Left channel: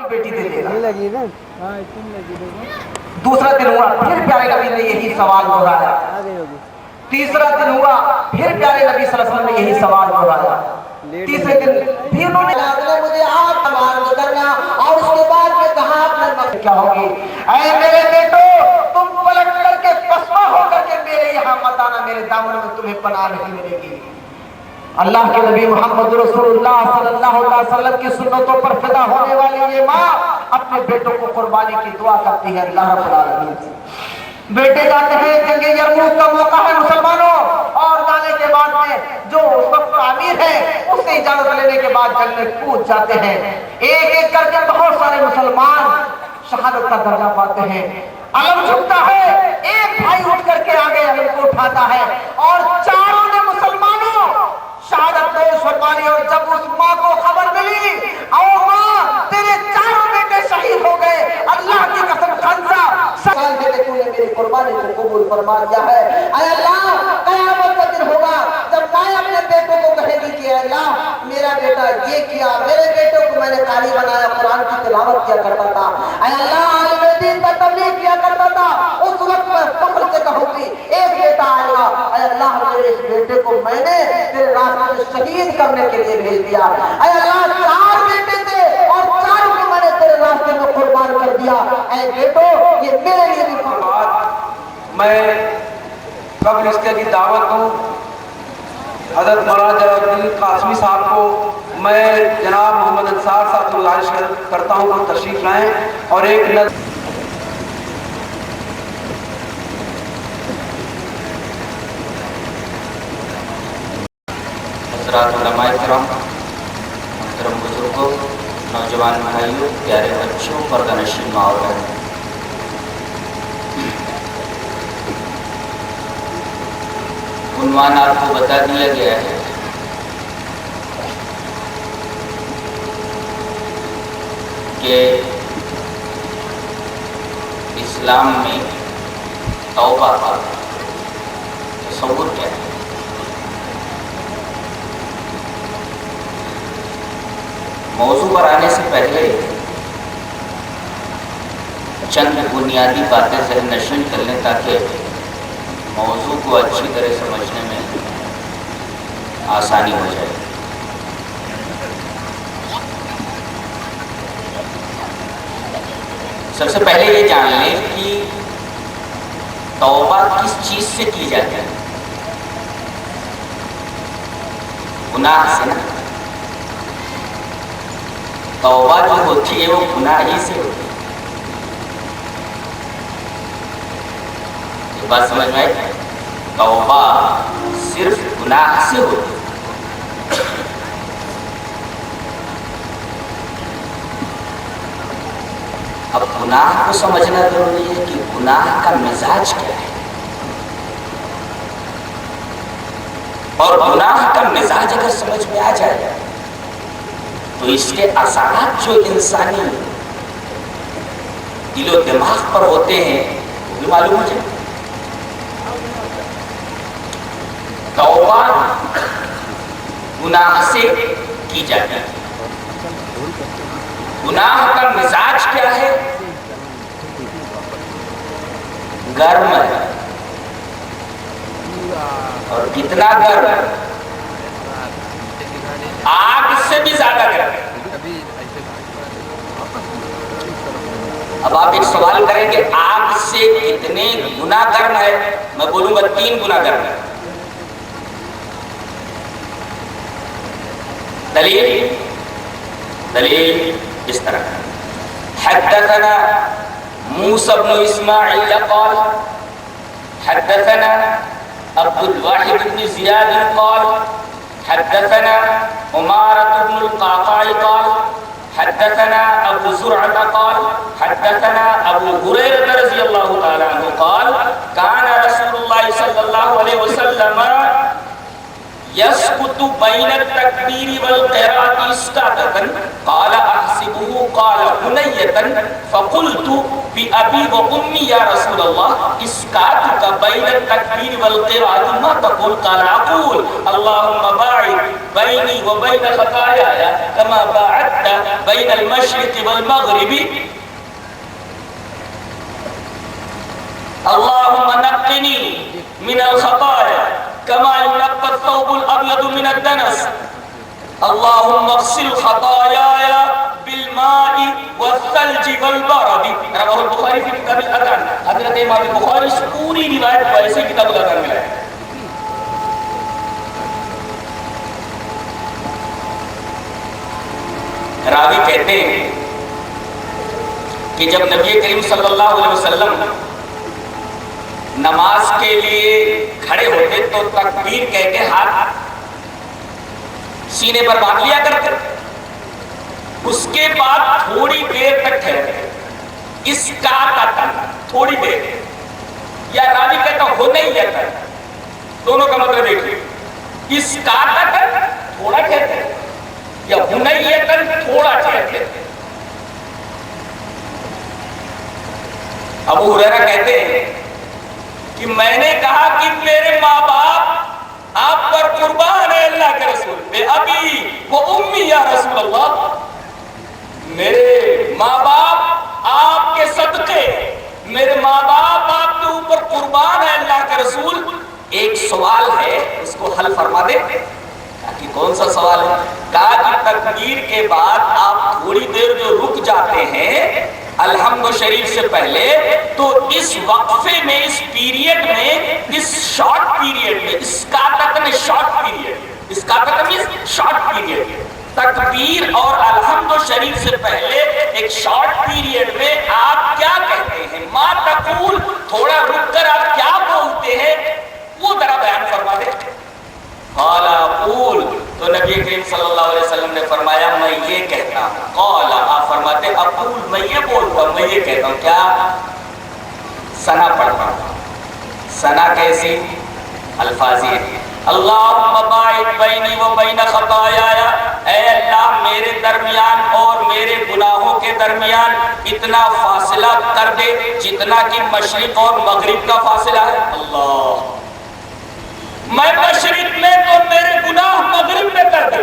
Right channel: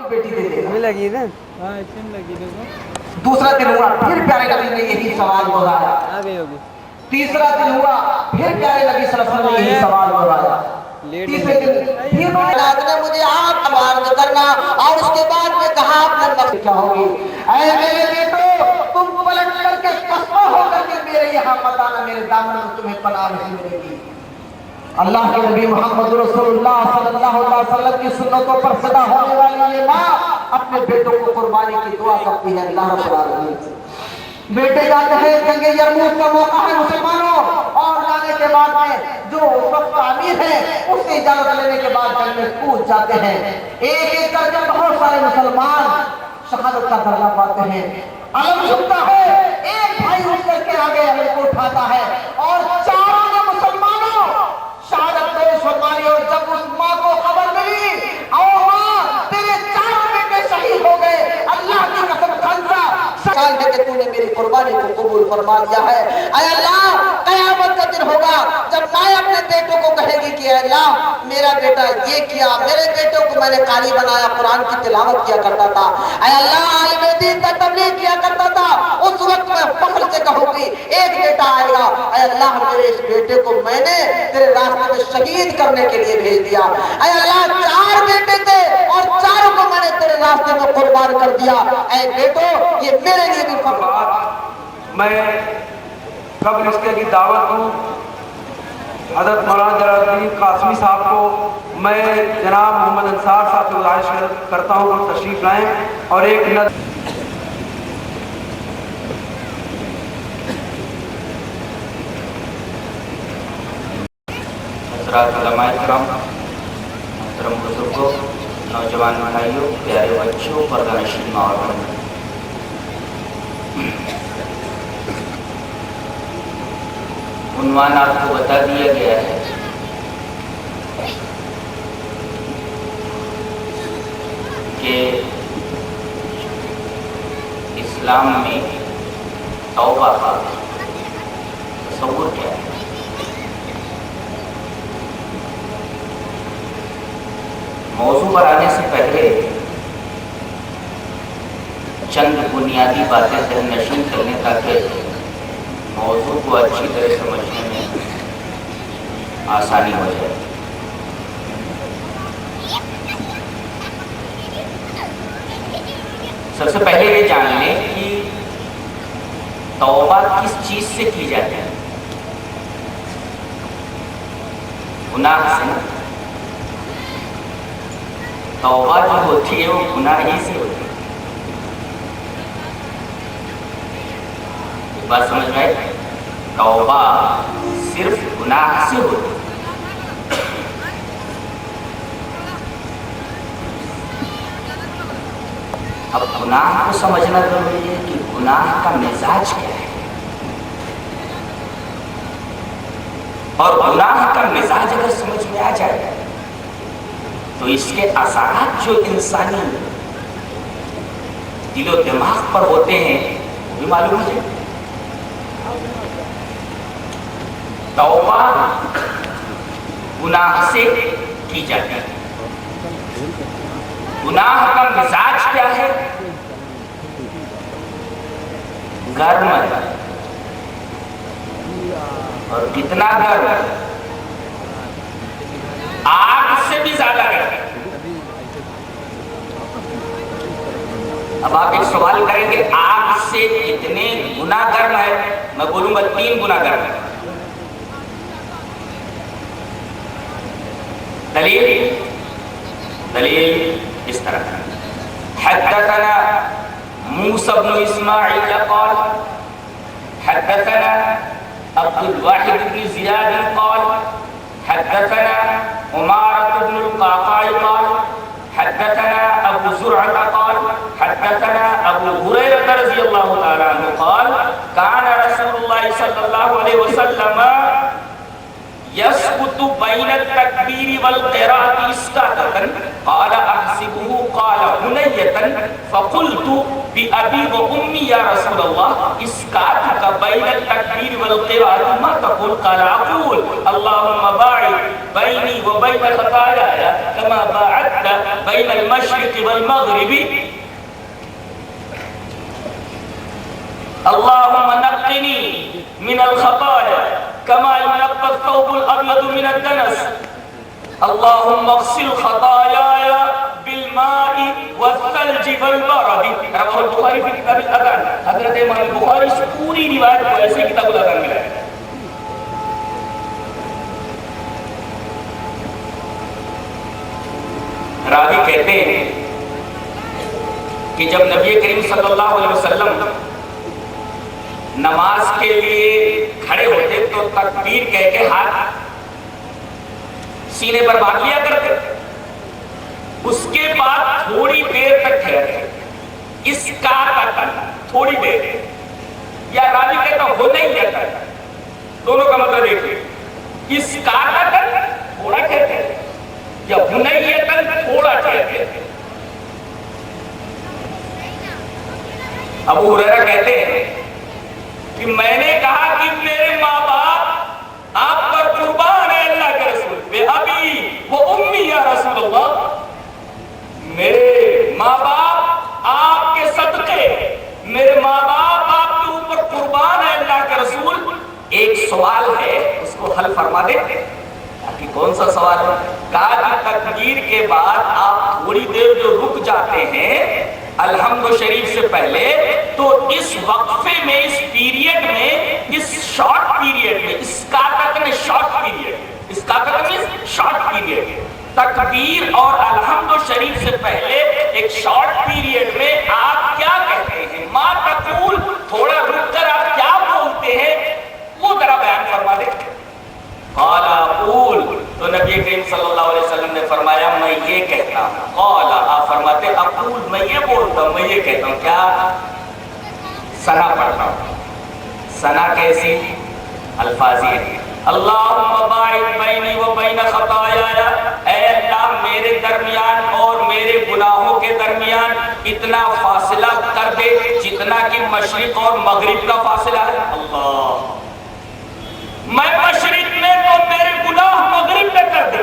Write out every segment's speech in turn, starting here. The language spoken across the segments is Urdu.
اپنی بیٹی دے دے گا. یہ لگی نا. ہاں اتنی لگی دیکھو. دوسرا دن ہوا پھر پیارے نبی نے یہی سوال دہرایا. آ گئی ہوگی. تیسرا دن ہوا پھر پیارے نبی صلی اللہ علیہ وسلم نے یہی سوال دہرایا. تیسرے دن پھر انہوں نے مجھے آپ سوال کرنا اور اس کے بعد میں کہا اپنے مقصد کیا ہوگی. اے میرے بیٹو تم پلٹ کر کے پسپا ہو کر کے میرے یہاں مت آنا، میرے دامن میں تمہیں پناہ نہیں ملے گی. اللہ کے نبی محمد رسول اللہ صلی اللہ علیہ وسلم کی سنتوں پر فدا ہونے والی یہ ماں اپنے بیٹوں کو قربانی کی دعا کرتی ہے اللہ رب العالمین سے. بیٹے جاتے ہیں جنگ یرموک کا موقع ہے مسلمانوں، اور جانے کے بعد میں جو اس وقت امیر ہے اس سے اجازت لینے کے بعد جنگ میں کود جاتے ہیں. ایک ایک کر کے بہت سارے مسلمان شہادت کا درجہ پاتے ہیں. علم جھکتا ہے، ایک بھائی اٹھ کر کے آگے علم کو اٹھاتا ہے اور چاروں نے مسلمانوں شہادت نوش فرمانی. اور جب اس ماں کو خبر ملی او ماں تیرے چاروں بیٹے شہید ہو گئے، اللہ کی قسم خنزہ سال ہے کہ تو نے میری قربانی کو قبول فرما لیا ہے. اے اللہ قیامت کا دن ہوگا جب ماں اپنے بیٹوں کو کہے گی کہ اے اللہ میرا بیٹا یہ کیا، میرے بیٹوں کو میں نے قاری بنایا، قرآن کی تلاوت کیا کرتا تھا، اے اللہ عالم دین کا تبلیغ کیا کرتا تھا. اس وقت میں فخر سے کہوں گی ایک بیٹا آئے گا، اے اللہ میرے اس بیٹے کو میں نے تیرے راستے میں شہید کرنے کے لیے بھیج دیا. اے اللہ چار بیٹے تھے اور چاروں کو میں نے تیرے راستے میں قربان کر دیا. اے بیٹو یہ میرے لیے بھی فخر. میں قبل اس کے کی دعوت ہوں حضرت مولانا جلال الدین قاسمی صاحب کو میں جناب محمد انصار صاحب کو گزارش کرتا ہوں کہ تشریف لائیں اور ایک حضرات علماء کرام، محترم بزرگوں، نوجوان بھائیوں، پیارے بچوں، پردہ نشین ماں اور بہنوں، عنوان آپ کو بتا دیا گیا ہے. کہ اسلام میں توبہ کا تصور کیا ہے. موضوع پر آنے سے پہلے چند بنیادی باتیں ذہن نشین کر لیں تاکہ موضوع کو اچھی طرح سمجھنے میں آسانی ہو جائے. سب سے پہلے یہ جان لیں کہ توبہ کس چیز سے کی جاتی ہے. گناہ سے. توبہ جو ہوتی ہے وہ گناہ ہی سے ہوتی ہے. یہ بات سمجھ میں آئی؟ توبہ صرف گناہ سے ہوتی ہے. اب گناہ کو سمجھنا ضروری ہے کہ گناہ کا مزاج کیا ہے، اور گناہ کا مزاج اگر سمجھ میں آ جائے تو اس کے اثرات جو انسانی دل و دماغ پر ہوتے ہیں وہ بھی معلوم ہو جائے. توبہ گناہ سے کی جاتی ہے. گناہ کا مزاج کیا ہے؟ گرم ہے. اور کتنا گرم ہے؟ آگ سے بھی زیادہ گرم ہے. اب آپ ایک سوال کریں گے آگ سے کتنے گنا گرم ہے؟ میں بولوں گا 3 گنا گرم ہے. دلیل اس طرح. حدثنا موسى بن اسماعيل قال حدثنا عبد الواحد بن زياد قال حدثنا عمارة بن القعقاع قال حدثنا ابو زرعة قال حدثنا ابو هريرة رضي الله تعالى عنه قال كان رسول الله صلى الله عليه وسلم يسقط بين التكبير والقراءة إسقاطا قال أحسبه قال هنية فقلت بأبي وأمي يا رسول الله إسقاطك بين التكبير والقراءة ما تقول؟ قال أقول اللهم باعد بيني وبين خطاياي كما باعدت بين المشرق والمغرب اللهم نقني من الخطايا كما ينقى الثوب الأبيض من الدنس اللهم اغسل خطاياي بالماء والثلج والبرد رواه البخاری في کتاب الاذان. حضرت امام بخاری اس پوری روایت کو ایسے کتاب الاذان میں لائے. راوی کہتے ہیں کہ جب نبی کریم صلی اللہ علیہ وسلم نماز کے لیے کھڑے ہوتے تو تکبیر کہہ کے ہاتھ سینے پر باندھ لیا کرتے, اس کے بعد تھوڑی دیر تک ٹھہرتے, اس کا تھوڑی دیر, یا راوی کہتا ہو نہیں جاتا, دونوں کا مطلب دیکھیے, اس کا تھوڑا کہتے یا ہنیتن تھوڑا کہتے. ابو ہریرہ کہتے ہیں کہ میں نے کہا کہ میرے ماں باپ آپ پر قربان ہے اللہ کے رسول, بے ابی و امی یا رسول اللہ, میرے ماں باپ آپ کے صدقے, میرے ماں باپ آپ کے اوپر قربان ہے اللہ کے رسول. ایک سوال ہے اس کو حل فرما دے. کہ کون سا سوال ہے؟ کہا کہ تکبیر کے بعد آپ تھوڑی دیر جو رک جاتے ہیں الحمد شریف سے پہلے, تو اس وقفے میں, اس پیریڈ میں, اس شارٹ پیریڈ میں, اس کاتک میں شارٹ پیریڈ, اس کاتک میں شارٹ پیریڈ, تکبیر اور الحمد شریف سے پہلے ایک شارٹ پیریڈ میں آپ کیا کہتے ہیں؟ ما تقول, تھوڑا رک کر آپ کیا بولتے ہیں وہ ذرا بیان فرما دیں. قال اقول, تو نبی کریم صلی اللہ علیہ وسلم نے فرمایا میں یہ کہتا ہوں. قال, آپ فرماتے اقول, میں یہ بولتا ہوں, میں یہ کہتا ہوں. کیا؟ ثنا پڑھتا ہوں. ثنا کیسی؟ الفاظی ہے. اللہم باعد بینی و بین خطایایا, اے اللہ میرے درمیان اور میرے گناہوں کے درمیان اتنا فاصلہ کر دے جتنا کہ مشرق اور مغرب کا فاصلہ ہے. اللہ, میں مشرق میں تو میرے گناہ مغرب میں کر دے.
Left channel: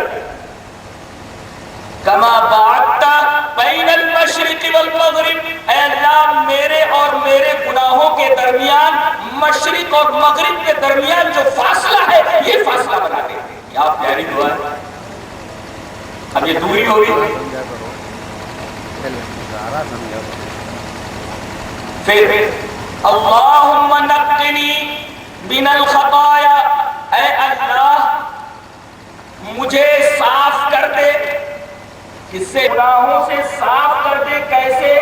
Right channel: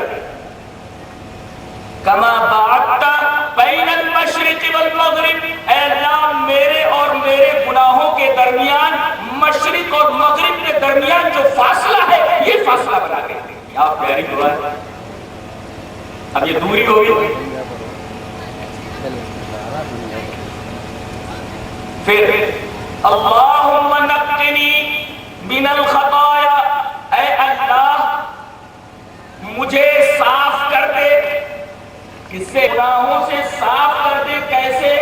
کما باعدت بین المشرق والمغرب, اے اللہ میرے اور میرے گناہوں کے درمیان, مشرق اور مغرب کے درمیان جو فاصلہ ہے یہ فاصلہ بنا دے. کیا پیاری دعا ہے. اب یہ دوری ہوگی. پھر اللہم نقنی من الخطایا, اے اللہ مجھے صاف کر دے, کس سے؟ گناہوں سے صاف کر دے. کیسے؟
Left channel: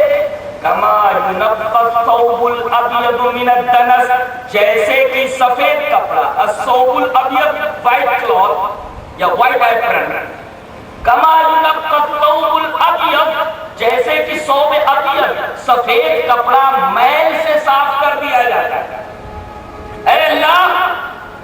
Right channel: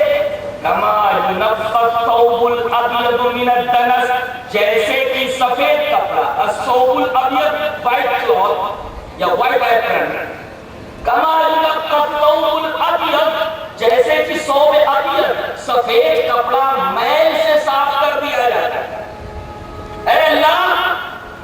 کما ينقى الثوب الابيض من الدنس, جیسے کہ سفید کپڑا, الثوب الابيض وائٹ کلوتھ یا وائٹ ایپرن, کما ينقى الثوب الابيض, جیسے کہ ثوب ابيض سفید کپڑا میل سے صاف کر دیا جاتا ہے. اے اللہ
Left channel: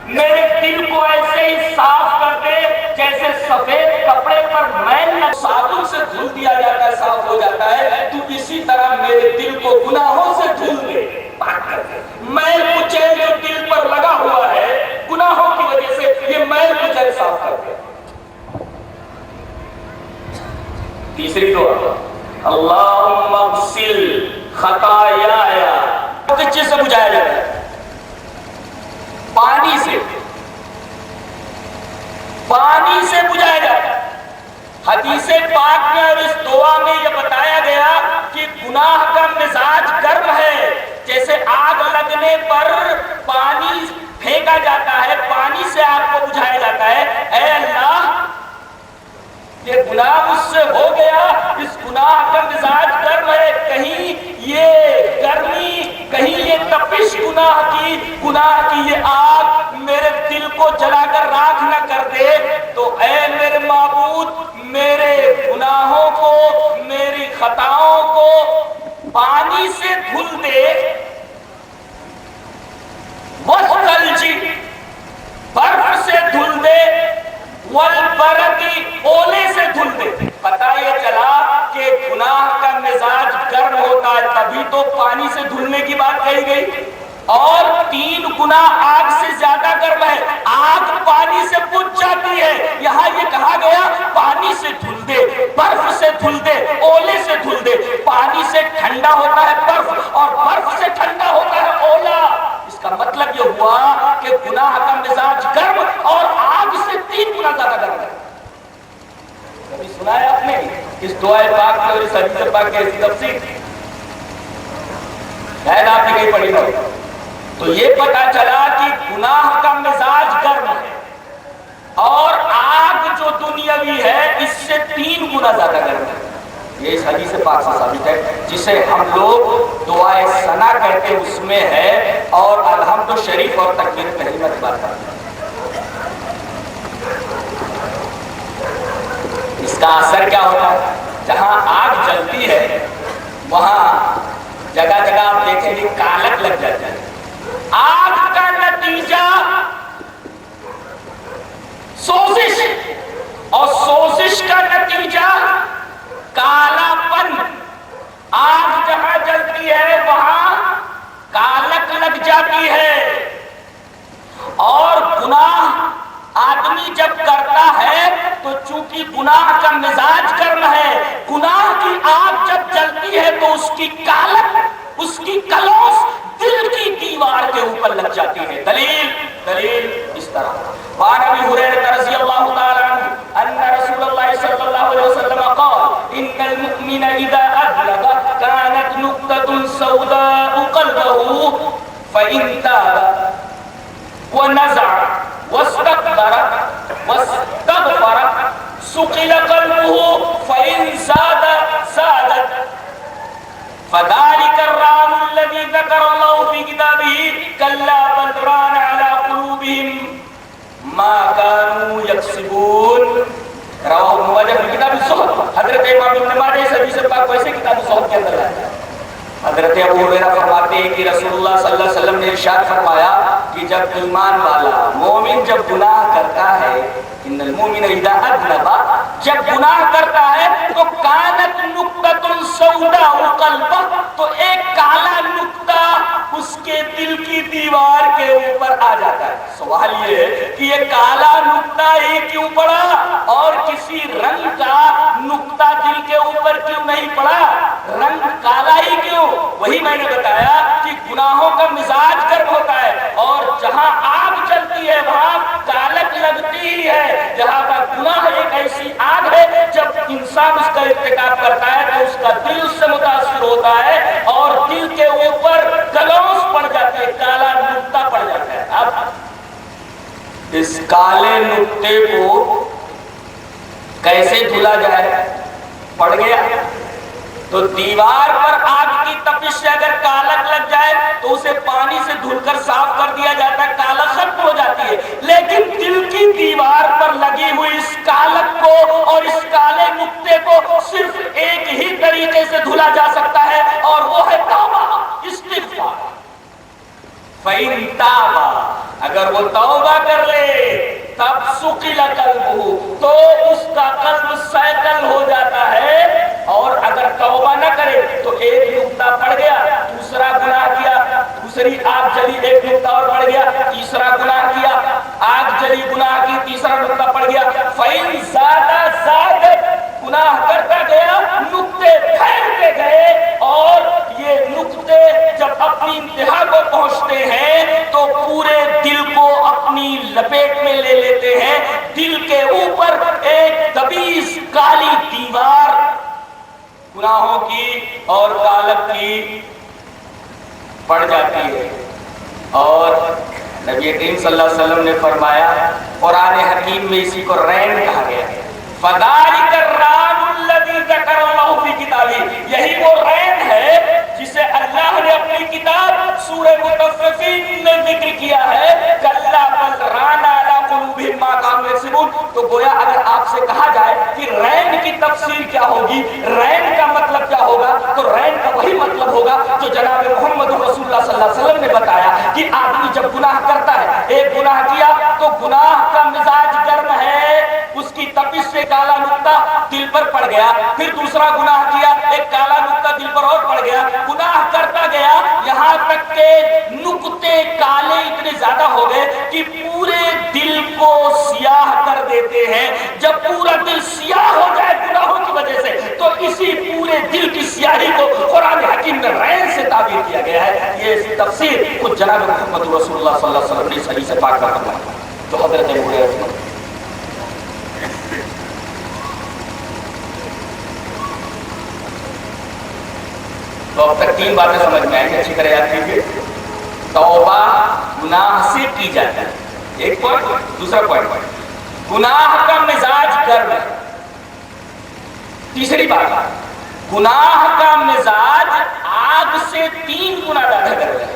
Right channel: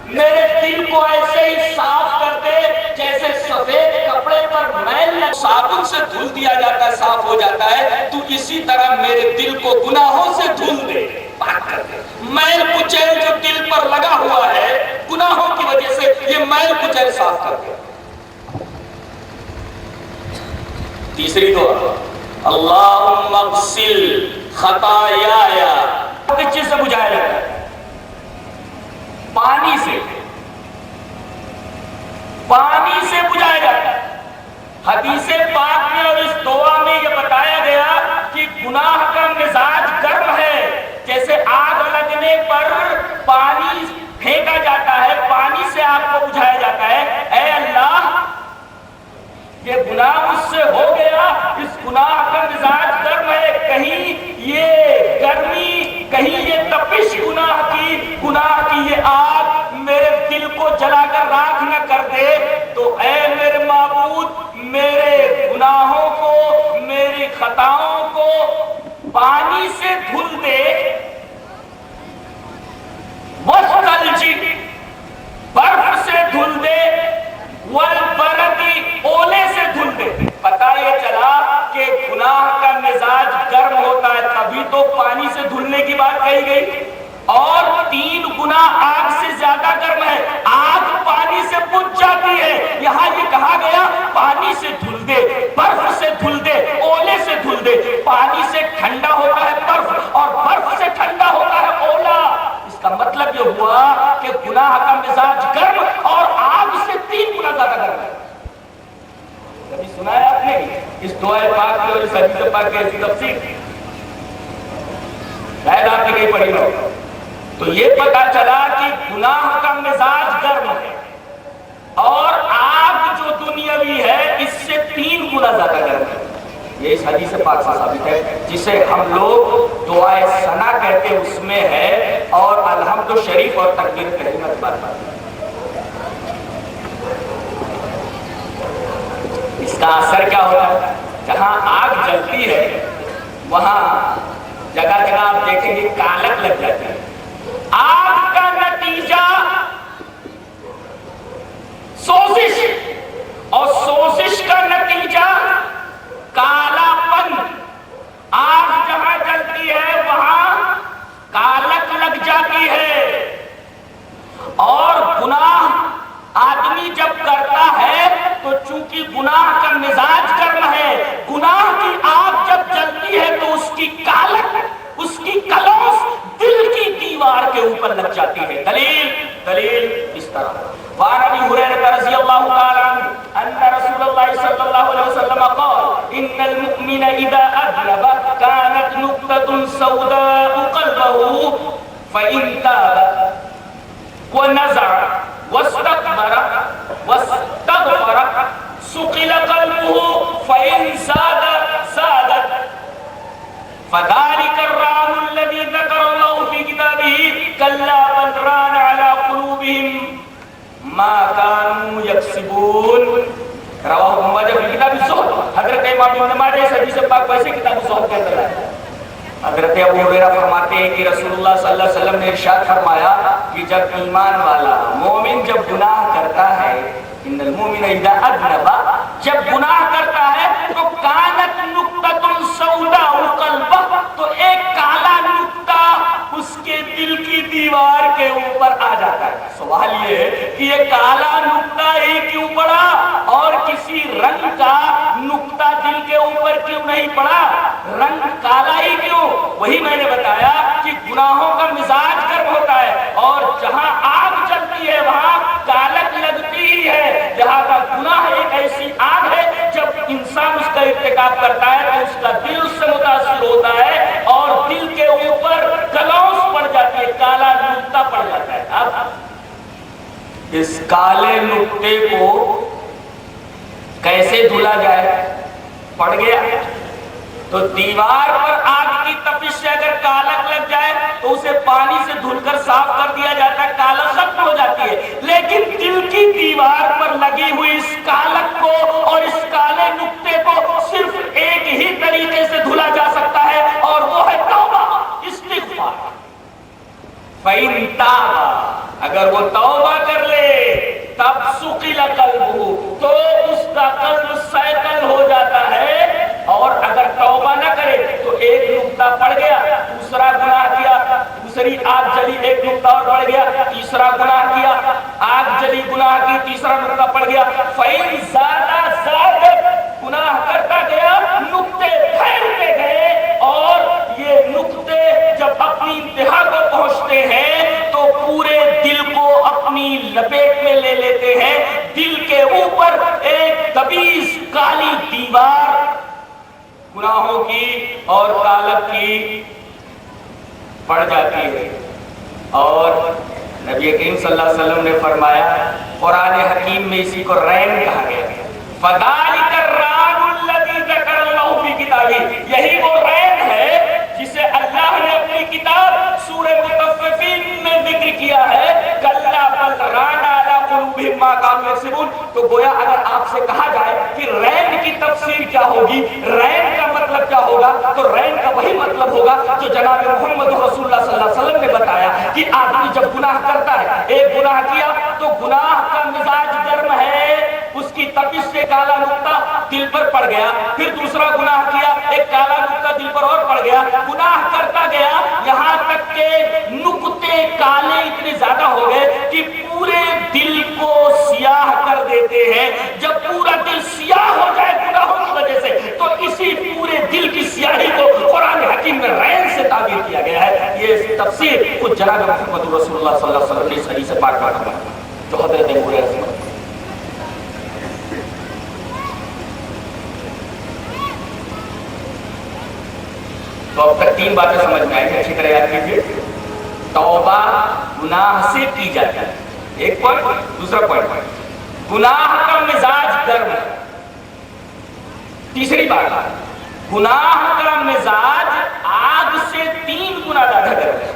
میرے دل کو ایسے ہی صاف کر دے جیسے سفید کپڑے پر میل صابن سے دھل دیا جاتا ہے, صاف ہو جاتا ہے, تو اسی طرح میرے دل کو گناہوں سے دھل دے, پاک کر دے. میل کچیل جو دل پر لگا ہوا ہے گناہوں کی وجہ سے, یہ میل کچیل صاف کر دے. تیسری دعا, اللہم اغسل خطایا, کس چیز سے بجھایا جاتا ہے؟ پانی سے, پانی سے بجھایا جاتا ہے. حدیث پاک میں اور اس دعا میں یہ بتایا گیا کہ گناہ کا مزاج گرم ہے, جیسے آگ لگنے پر پانی پھینکا جاتا ہے, پانی سے آگ کو بجھایا جاتا ہے. اے اللہ یہ گناہ مجھ سے ہو گیا, اس گناہ کا مزاج گرم ہے, کہیں یہ گرمی, کہیں یہ تپش گناہ کی یہ آگ میرے دل کو جلا کر راکھ نہ کر دے. تو اے میرے معبود میرے گناہوں کو, میری خطاؤں کو پانی سے دھل دے, والثلج برف سے دھل دے, کا مزاج گرم ہوتا ہے تبھی تو پانی سے دھلنے کی بات کہی گئی، اور 3 گنا آگ سے زیادہ گرم ہے، آگ پانی سے بجھ جاتی ہے، یہاں یہ کہا گیا پانی سے دھل دے، برف سے دھل دے، اولے سے دھل دے۔ پانی سے ٹھنڈا ہوتا ہے برف، اور برف سے ٹھنڈا ہوتا ہے اولا۔ اس کا مطلب یہ ہوا کہ گناہ کا مزاج گرم اور آگ سے 3 گنا زیادہ گرم ہے۔ کبھی سنا ہے آپ نے اس دعائے پاک کی اور اس حدیث پاک کی ایسی تفسیر؟ شاید آپ نے کہیں پڑھی ہو۔ تو یہ پتا چلا کہ گناہ کا مزاج گرم ہے اور آگ جو دنیاوی ہے اس سے 3 گنا زیادہ گرم ہے۔ یہ اس حدیث پاک سے ثابت ہے، جسے ہم لوگ دعائے ثنا کہتے ہیں، اس میں ہے، اور الحمد شریف اور تکبیر تحریمہ کی بات کرتے ہیں۔ اس کا اثر کیا ہوتا ہے؟ جہاں آگ جلتی ہے وہاں جگہ جگہ آپ دیکھیں گے کالک لگ جاتا ہے۔ آگ کا نتیجہ سوزش، اور سوزش کا نتیجہ کالا پن۔ آگ جہاں جلتی ہے وہاں کالک لگ جاتی ہے، اور گناہ آدمی جب کرتا ہے تو چونکہ گناہ کا مزاج گرم ہے، گناہ کی آگ جب جلتی ہے تو اس کی کالک، اس کی کلوس دل کی دیوار کے اوپر لگ جاتی ہے۔ دلیل اس طرح وعن ابی ہریرہ رضی اللہ تعالی عنہ ان رسول اللہ صلی اللہ علیہ وسلم قال ان المؤمن اذا اذنب كانت نقطة سوداء قلبه فإن تاب ونزع واستكبر واستغفر سقل قلبه فإن زادت فذلك الران الذي ذكر الله في كتابه كلا بل ران على قلوبهم ما كانوا يكسبون۔ رواه ابن ماجہ في كتاب الزہد۔ حضرت امام ابن ماجہ اس حدیث پاک کو ایسے کتاب الزہد کے اندر ہے۔ حضرت ابو ہریرہ فرماتے ہیں کہ رسول اللہ صلی اللہ علیہ وسلم نے ارشاد فرمایا کہ جب ایمان والا مومن جب گناہ کرتا ہے، ان المؤمن اذا اذنب، جب گناہ کرتا ہے تو کانت نقطۃ سوداء قلبہ، تو ایک کالا نقطہ اس کے دل کی دیوار کے اوپر آ جاتا ہے۔ سوال یہ ہے کہ یہ کالا نقطہ ہی کیوں پڑا اور کسی رنگ کا نقطہ دل کے اوپر کیوں نہیں پڑا؟ رنگ کالا ہی کیوں؟ وہی میں نے بتایا کہ گناہوں کا مزاج گرم ہوتا ہے، اور جہاں آگ چلتی ہے وہاں کالک لگتی ہی ہے۔ جہاں کا گناہ ایک ایسی آگ ہے، جب انسان اس کا ارتکاب کرتا ہے تو اس کا دل اس سے متاثر ہوتا ہے، اور دل کے اوپر کلوس پڑ جاتی ہے، کالا نقطہ پڑ جاتا ہے۔ اب اس کالے نقطے کو کیسے دھلا جائے؟ پڑ گیا تو دیوار پر آگ کی تپش سے اگر کالک لگ جائے تو اسے پانی سے دھل کر صاف کر دیا جاتا ہے، کالک ختم ہو جاتی ہے۔ لیکن دل کی دیوار پر لگی ہوئی اس کالک کو اور اس کالے نقطے کو صرف ایک ہی طریقے سے دھلا جا سکتا ہے، اور وہ ہے توبہ، استغفار۔ فَإِن تَابَ، اگر وہ توبہ کر لے تب سُقِلَ قَلْبُهُ، تو اس کا قلب سیکل ہو جاتا ہے۔ اور اگر توبہ نہ کرے تو ایک نقطہ پڑ گیا، دوسرا گناہ کیا، دوسری آگ جلی، ایک نقطہ اور پڑ گیا، تیسرا گناہ کیا، آگ جلی، گناہ کی، تیسرا نقطہ پڑ گیا۔ فَإِن زَادَ، گناہ کرتا گیا، نقطے پھیلتے گئے، اور یہ نقطے جب اپنی انتہا کو پہنچتے ہیں تو پورے دل کو اپنی لپیٹ میں لے لیتے ہیں۔ دل کے اوپر ایک دبیس کالی دیوار گناہوں کی اور کالک کی پڑ جاتی ہے۔ اور نبی کریم صلی اللہ علیہ وسلم نے فرمایا، قرآن حکیم میں اسی کو رین کہا گیا، فَذَلِكَ الرَّانُ الَّذِي ذَكَرَ اللَّهُ فِي كِتَابِهِ، یہی وہ رین ہے جسے اللہ نے اپنی کتاب سورہ مطففین میں ذکر کیا ہے، کَلَّا بَلْ رَانَ عَلَىٰ قُلُوبِهِم مَّا كَانُوا يَكْسِبُونَ۔ تو گویا اگر آپ سے کہا جائے کہ رین کی تفسیر کیا ہوگی، رین کا مطلب کیا ہوگا، تو رین کا وہی مطلب ہوگا جو جناب محمد رسول اللہ صلی اللہ علیہ وسلم نے بتایا کہ آدمی جب گناہ کرتا ہے، ایک گناہ کیا تو گناہ کا مزاج گرم ہے، اس کی تپش سے سے کالا نقطہ دل پر پڑ گیا، پھر دوسرا گناہ کیا، ایک کالا نقطہ دل پر اور پڑ گیا، گناہ کرتا گیا یہاں تک کہ نقطے کالے اتنے زیادہ ہو گئے کہ پورے دل کو سیاہ کر دیتے ہیں۔ جب پورا دل سیاہ ہو جائے گناہوں کی وجہ سے تو اسی پورے دل کی سیاہی کو قرآن حکیم میں رین سے تعبیر کیا گیا ہے۔ یہ تفسیر خود جناب محمد رسول اللہ صلی اللہ علیہ وسلم نے صحیح سے پاک کر دیا جو حضرت ابو ہریرہ۔ تو اب تک تین باتیں سمجھ میں آئیں، اچھی طرح یاد کیجیے۔ توبہ گناہ سے کی جاتی ہے، ایک پوائنٹ۔ دوسرا پوائنٹ، گناہ کا مزاج گرم ہے۔ تیسری بات، گناہ کا مزاج آگ سے 3 گنا زیادہ گرم ہے۔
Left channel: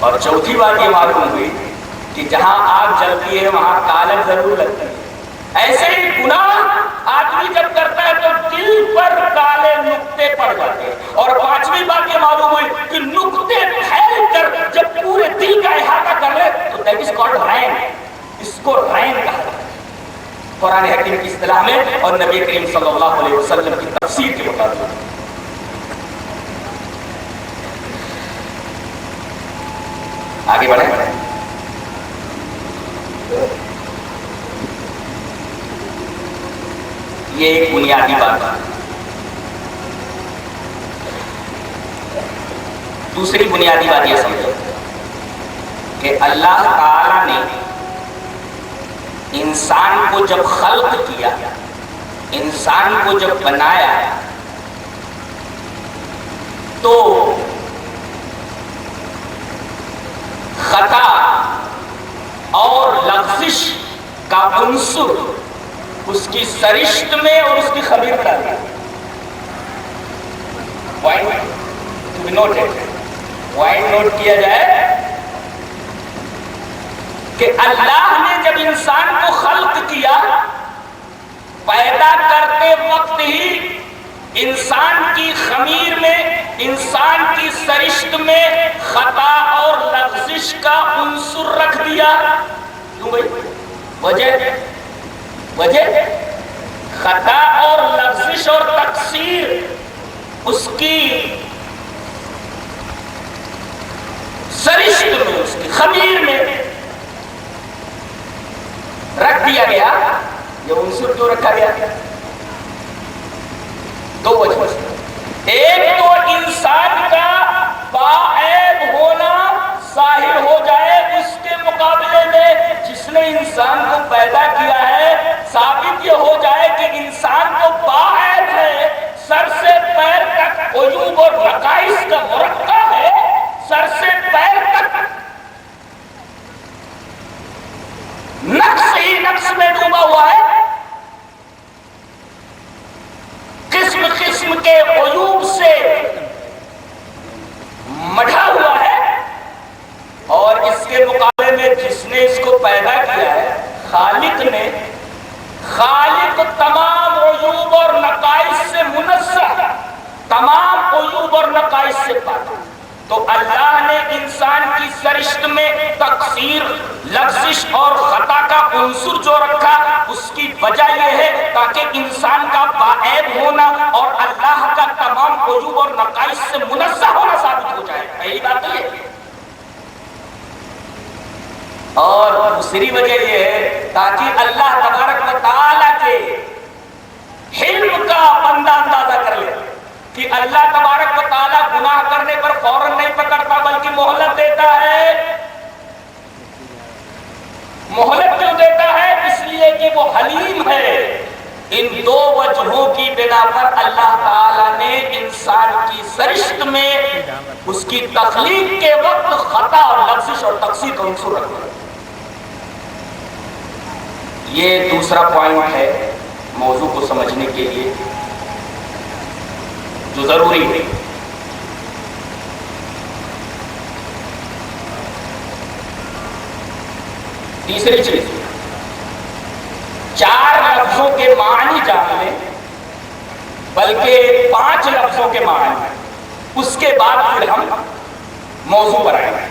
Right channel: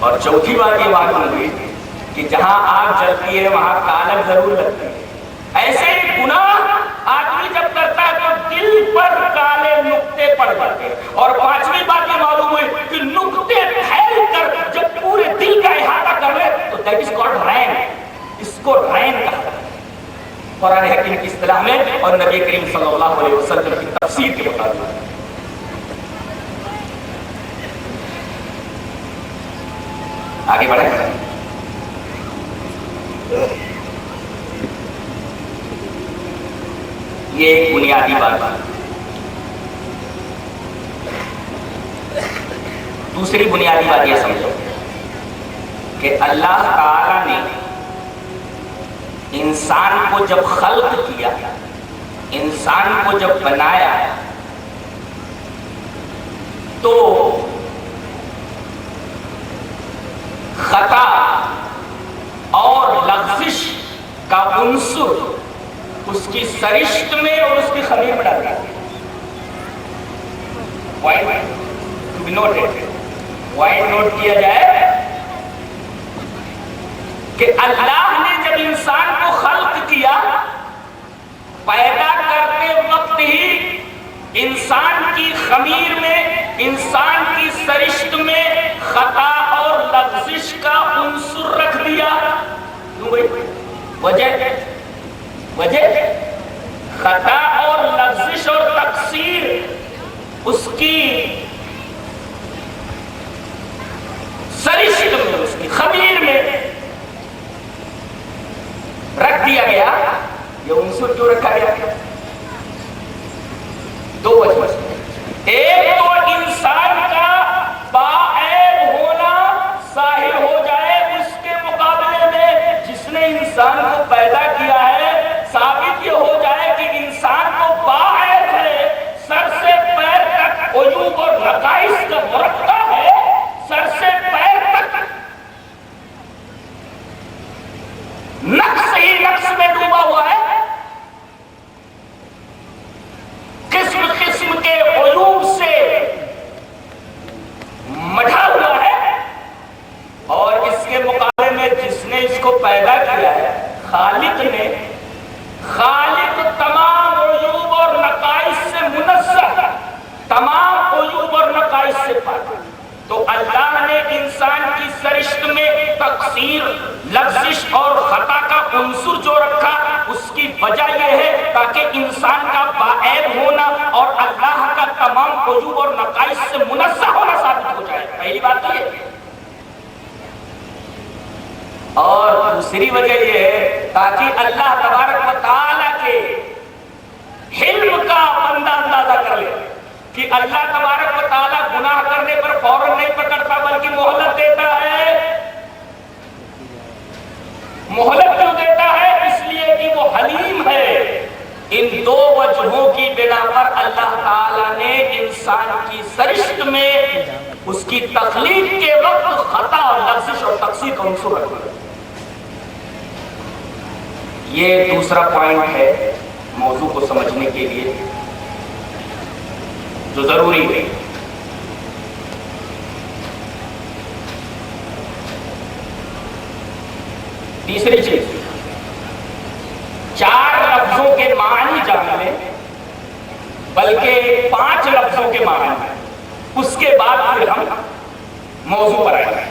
اور چوتھی بات یہ معلوم ہوئی کہ جہاں آگ جلتی ہے وہاں کالک ضرور لگتی ہے۔ ایسے ہی گناہ آدمی جب کرتا ہے تو دل پر کالے نقطے پڑ جاتے ہیں۔ اور پانچویں بات یہ معلوم ہوئی کہ نقطے پھیل کر جب پورے دل کا احاطہ کر لے تو دیٹ از کالڈ رین، اس کو رین کہا جاتا ہے قرآن حکیم کی اصطلاح میں اور نبی کریم صلی اللہ علیہ وسلم کی تفسیر کے مطابق۔ آگے بڑھیں۔ یہ ایک بنیادی بات ہے۔ دوسری بنیادی بات یہ سمجھو کہ اللہ تعالی نے انسان کو جب خلق کیا، انسان کو جب بنایا تو خطا اور لغزش کا عنصر اس کی سرشت میں اور اس کی خمیر میں ڈالا۔ پوائنٹ نوٹ کیا جائے کہ اللہ نے جب انسان کو خلق کیا، پیدا کرتے وقت ہی انسان کی خمیر میں، انسان کی سرشت میں خطا اور لغزش کا عنصر رکھ دیا۔ کیوں بھائی؟ وجہ خطا اور لغزش اور تقصیر اس کی سرشت میں، اس کی خمیر میں رکھ دیا گیا۔ یہ عنصر کیوں رکھا گیا؟ 2 وجہ۔ ایک تو انسان کا باعیب ہونا ظاہر ہو جائے اس کے مقابلے میں جس نے انسان کو پیدا کیا ہے، ثابت یہ ہو جائے کہ انسان کو باعیب ہے، سر سے پیر تک عیوب اور نقائص کا مرکب ہے، سر سے پیر تک نقص ہی نقص میں ڈوبا ہوا ہے، قسم قسم کے عیوب سے مڈھا ہوا ہے، اور اس کے مقابلے میں جس نے اس کو پیدا کیا ہے، خالق تمام عیوب اور نقائص سے منزہ، تمام عیوب اور نقائص سے پاک۔ تو اللہ نے انسان کی سرشت میں تقصیر، لغزش اور خطا کا عنصر جو رکھا، اس کی وجہ یہ ہے تاکہ انسان کا باعیب ہونا اور اللہ کا تمام عیوب اور نقائص سے منزہ ہونا ثابت ہو جائے۔ پہلی بات یہ ہے۔ اور دوسری وجہ یہ ہے تاکہ اللہ تبارک و تعالیٰ کے حلم کا بندہ اندازہ کر لے کہ اللہ تبارک و تعالیٰ گناہ کرنے پر فوراً نہیں پکڑتا بلکہ مہلت دیتا ہے۔ مہلت کیوں دیتا ہے؟ اس لیے کہ وہ حلیم ہے۔ ان 2 وجہوں کی بنا پر اللہ تعالیٰ نے انسان کی سرشت میں اس کی تخلیق کے وقت خطا اور لغزش اور تقصیر کا عنصر رکھا۔ یہ دوسرا پوائنٹ ہے موضوع کو سمجھنے کے لیے جو ضروری ہے۔ تیسری چیز، 4 لفظوں کے معنی جان لیں، بلکہ 5 لفظوں کے معنی، اس کے بعد پھر ہم موضوع پر آئیں گے۔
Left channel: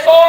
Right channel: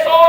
100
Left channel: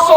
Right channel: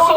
100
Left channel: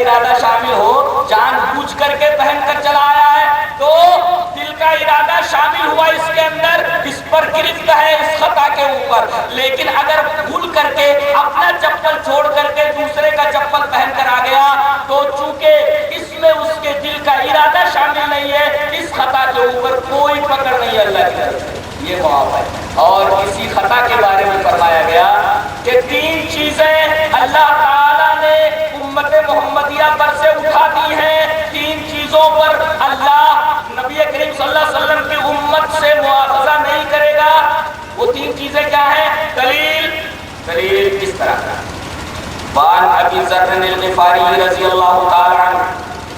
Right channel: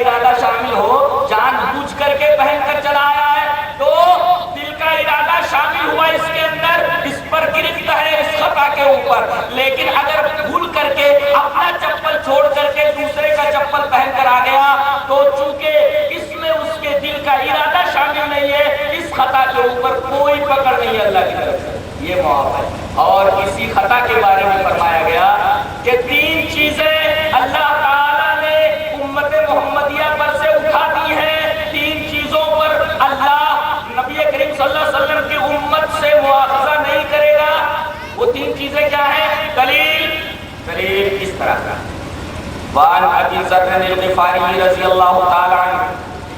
ارادہ شامل ہو، جان بوجھ کر کے پہن کر چلا آیا ہے تو دل کا ارادہ شامل ہوا اس کے اندر، اس پر گرفت ہے اس خطا کے اوپر. لیکن اگر بھول کر کے اپنا چپل چھوڑ کر کے دوسرے کا چپل پہن کر آ گیا تو چونکہ اس میں اس کے دل کا ارادہ شامل نہیں ہے، اس خطا کے اوپر کوئی پکڑ نہیں ہے اللہ کی طرف سے، یہ معاف ہے. اور اسی خطا کے بارے میں فرمایا گیا کہ 3 چیزیں اللہ تعالیٰ نے امت محمدیہ پر سے اٹھا دی ہیں. 3 چیزوں پر اللہ نبی کریم صلی اللہ علیہ وسلم کی امت سے مواخذہ نہیں کرے گا. وہ 3 چیزیں کیا ہیں؟ دلیل کس طرح کا؟ وعن ابی ذر الغفاری رضی اللہ تعالی عنہ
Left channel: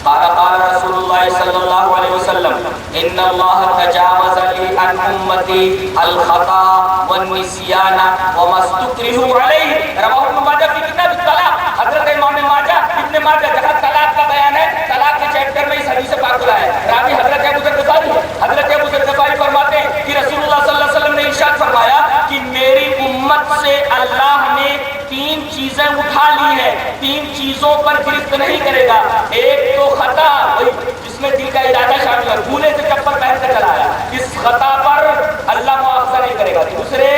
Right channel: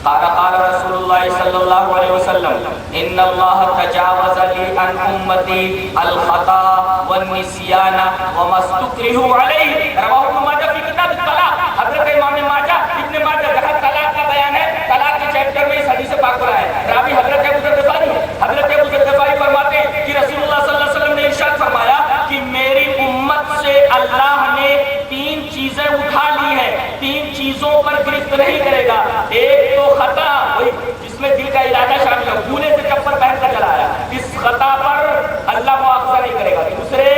قال قال رسول اللہ صلی اللہ علیہ وسلم ان اللہ تجاوز لی عن امتی الخطا والنسیان وما استکرہوا علیہ. رواہ ابن ماجہ فی کتاب الطلاق. حضرت امام ماجہ ابن ماجہ جہاں طلاق کا بیان ہے، طلاق کے چیپٹر میں اس حدیث پاک کو ہے. راوی حضرت ابو ذر غفاری ہے. حضرت ابو ذر غفاری فرماتے ہیں کہ رسول اللہ صلی اللہ علیہ وسلم نے ارشاد فرمایا کہ میری امت سے اللہ نے 3 چیزیں اٹھا لی ہیں، 3 چیزوں پر گرفت نہیں کرے گا. ایک تو خطا، وہی جس میں دل کا ارادہ شامل ہے، بھولے سے چپل پہن کر چلایا، اس خطا پر اللہ مواخذہ نہیں کرے گا. دوسرے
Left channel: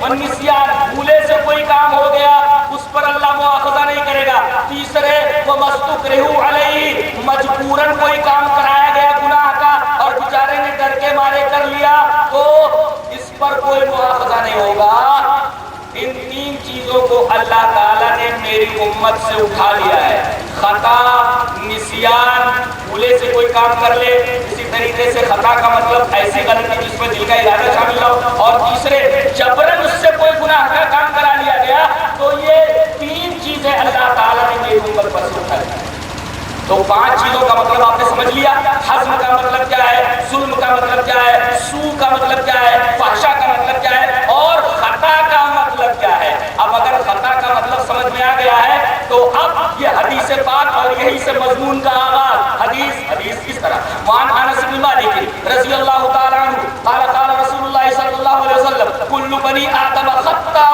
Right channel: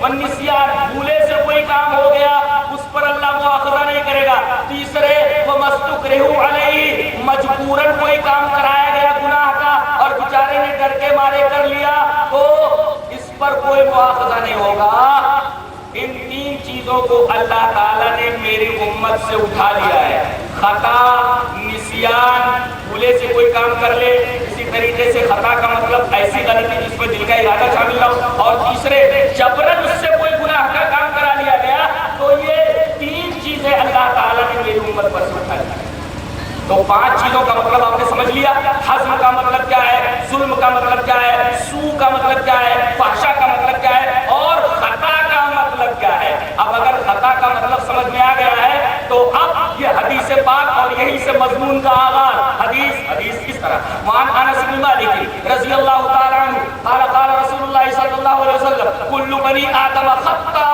والنسیان، بھولے سے کوئی کام ہو گیا اس پر اللہ مواخذہ نہیں کرے گا. تیسرے ومستکرہوا علیہ، مجبوراً کوئی کام کرایا گیا گناہ کا اور بیچارے نے ڈر کے مارے کر لیا تو اس پر کوئی مواخذہ نہیں ہوگا. ان 3 چیزوں کو اللہ تعالیٰ نے میری امت سے اٹھا لیا ہے. خطا، نسیان، بھولے سے کوئی کام کر لے. اسی طریقے سے خطا کا مطلب ایسی غلطی جس میں دل کا ارادہ شامل ہو. اور تیسرے جبراً اس سے کوئی گناہ کا کام کرا لیا گیا. تو یہ 3 چیزیں اللہ تعالیٰ نے میری امت پر سے اٹھا لی. تو 5 چیزوں کا مطلب آپ نے سمجھ لیا. حزم کا مطلب کیا ہے، ظلم کا مطلب کیا ہے، سو کا مطلب کیا ہے، فحشا کا مطلب کیا ہے، اور خطا کا مطلب کیا ہے. اب اگر خطا کا مطلب سمجھ میں آ گیا ہے تو اب یہ حدیث پاک اور یہی سے مضمون کا آغاز. حدیث کس طرح؟ وعن انس بن مالک رضی اللہ تعالی عنہ قال قال رسول اللہ صلی اللہ علیہ وسلم کل بنی آدم خطاء